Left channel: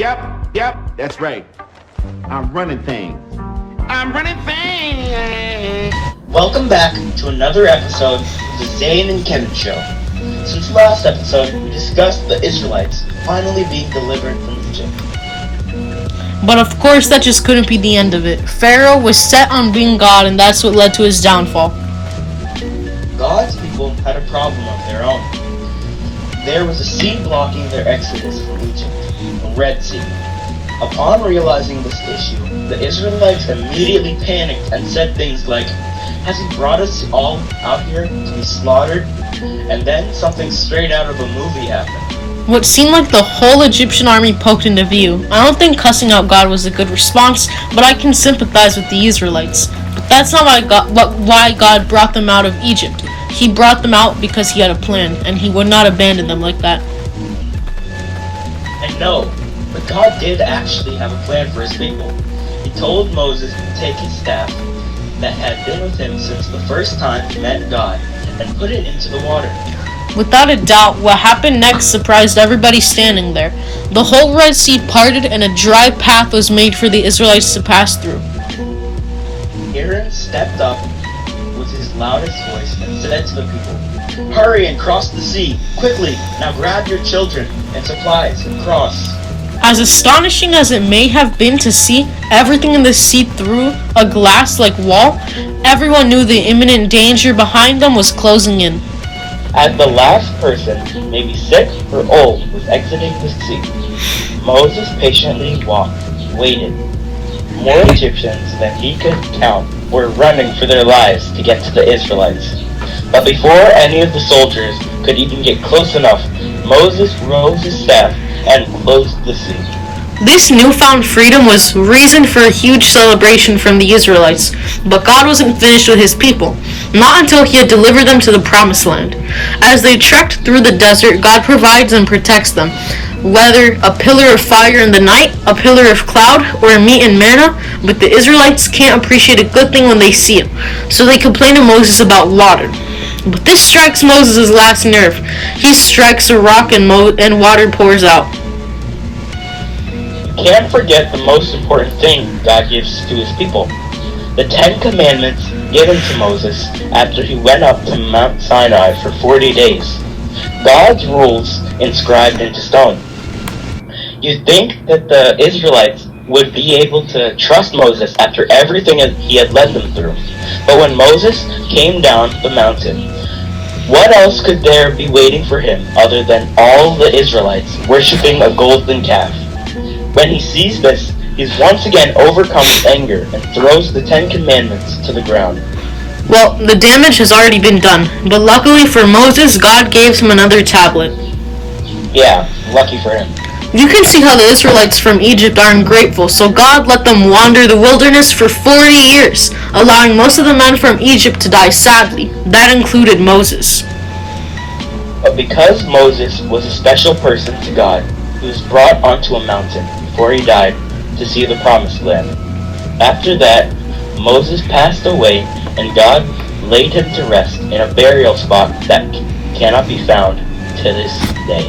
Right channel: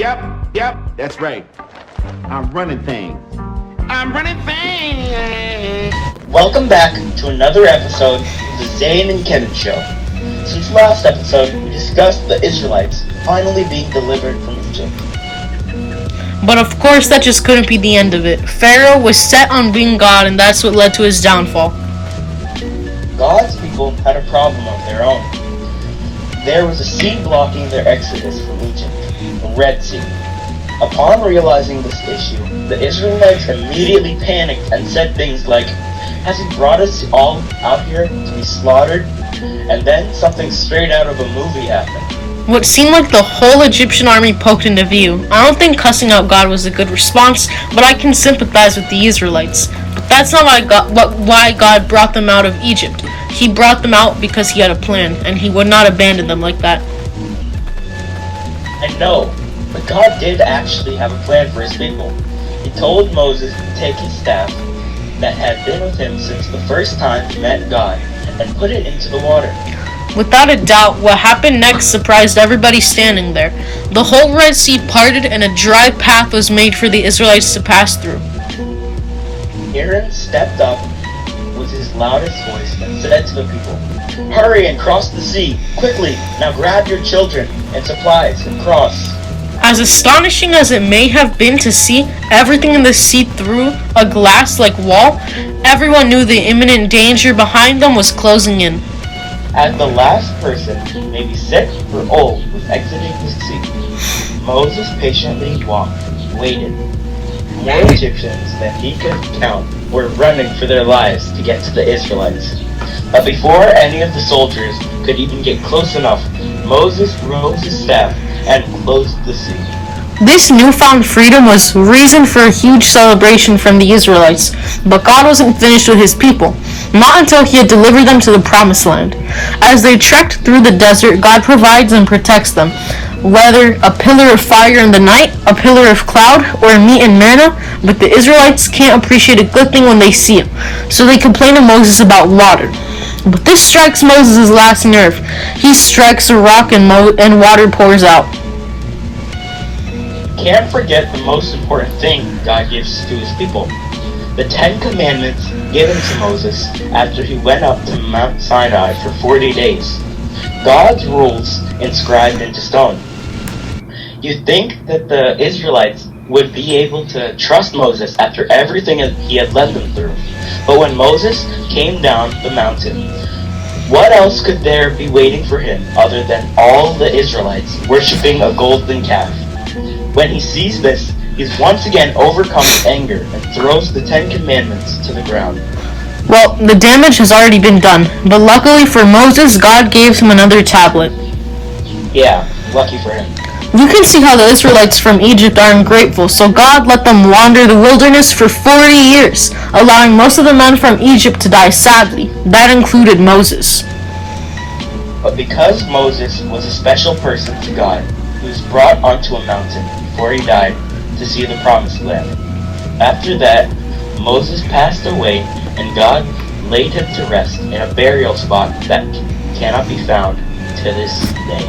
Yep, that's right. I'm running things. I'm running things. Welcome back to another episode of the Zane and Kevin Show. Since last episode, we discussed the Israelites finally being delivered from Egypt. But of course, that just couldn't be the end of it. Pharaoh was set on being God, and that's what led to his downfall. God's people had a problem of their own. There was a sea blocking their exodus from Egypt, the Red Sea. Upon realizing this issue, the Israelites immediately panicked and said things like, "Has he brought us all out here to be slaughtered?" And then something straight out of a movie happened. What seemed like the whole Egyptian army poked into view. I don't think cussing out God was a good response, but I can sympathize with the Israelites. But that's not why God brought them out of Egypt. He brought them out because he had a plan, and he would not abandon them like that. I know, but God did actually have a plan for his people. He told Moses to take his staff that had been with him since the first time he met God and put it into the water. Without a doubt, what happened next surprised everybody standing there. The whole Red Sea parted and a dry path was made for the Israelites to pass through. Aaron stepped up with his loudest voice and said to the people, "Hurry and cross the sea, quickly! Now grab your children and supplies and cross." As astonishing as it may have been to see everything in the sea through a glass-like wall, everyone knew the imminent danger behind them was closing in. As the last person, maybe sick or old, was exiting the sea, Moses patiently walked, waited. More Egyptians than he could count were running for their lives to get to the Israelites. But before any of the soldiers could even get close enough, Moses rose his staff and closed the sea. This newfound freedom was reason for a huge celebration from the Israelites, but God wasn't finished with his people, not until he had delivered them to the promised land. As they trekked through the desert, God provides and protects them. Whether a pillar of fire in the night, a pillar of cloud, or meat and manna, but the Israelites can't appreciate a good thing when they see it, so they complain to Moses about water. But this strikes Moses' last nerve. He strikes a rock and water pours out. Can't forget the most important thing God gives to his people. The 10 Commandments given to Moses after he went up to Mount Sinai for 40 days. God's rules inscribed into stone. You'd think that the Israelites would be able to trust Moses after everything he had led them through. But when Moses came down the mountain, what else could there be waiting for him other than all the Israelites worshiping a golden calf? When he sees this, he's once again overcome with anger and throws the 10 Commandments to the ground. Well, the damage has already been done, but luckily for Moses, God gave him another tablet. Yeah, lucky for him. You can see how the Israelites from Egypt are ungrateful, so God let them wander the wilderness for 40 years, allowing most of the men from Egypt to die sadly. That included Moses. But because Moses was a special person to God, he was brought onto a mountain before he died to see the promised land. After that, Moses passed away and God laid him to rest in a burial spot that cannot be found to this day.